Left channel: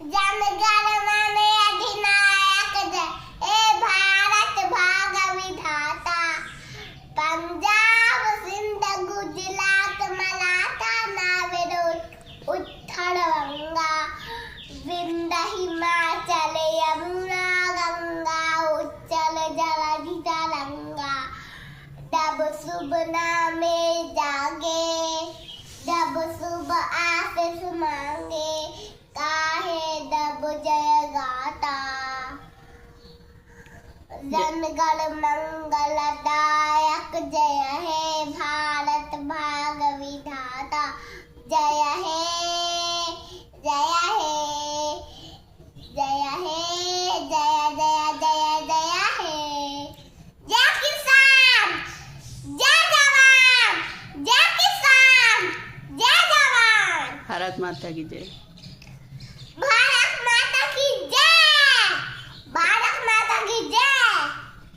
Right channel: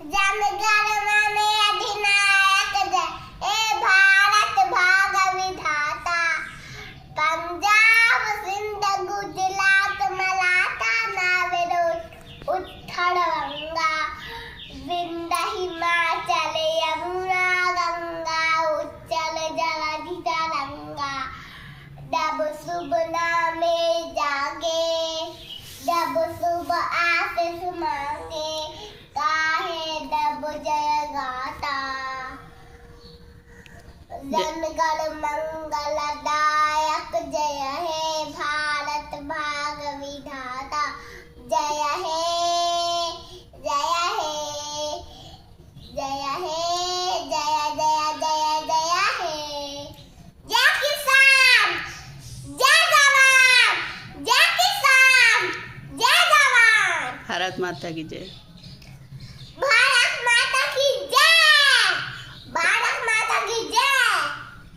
जनगण मन अधिनायक जय हे भारत भाग्य विधाता। पंजाब सिंध गुजरात मराठा नाविद उत्तर बंगा। विंध्य हिमाचल यमुना गंगा उच्चल जलधि तरंगा। जब शुभ नामे जागे जब शुभ आशीष मांगे काहे जब जय गाता। जनगण मंगलदायक जय हे भारत भाग्य विधाता। जय हे जय हे जय हे जय जय जय जय हे। जय किसान जय जवान जय किसान जय जवान। भारत माता की जय।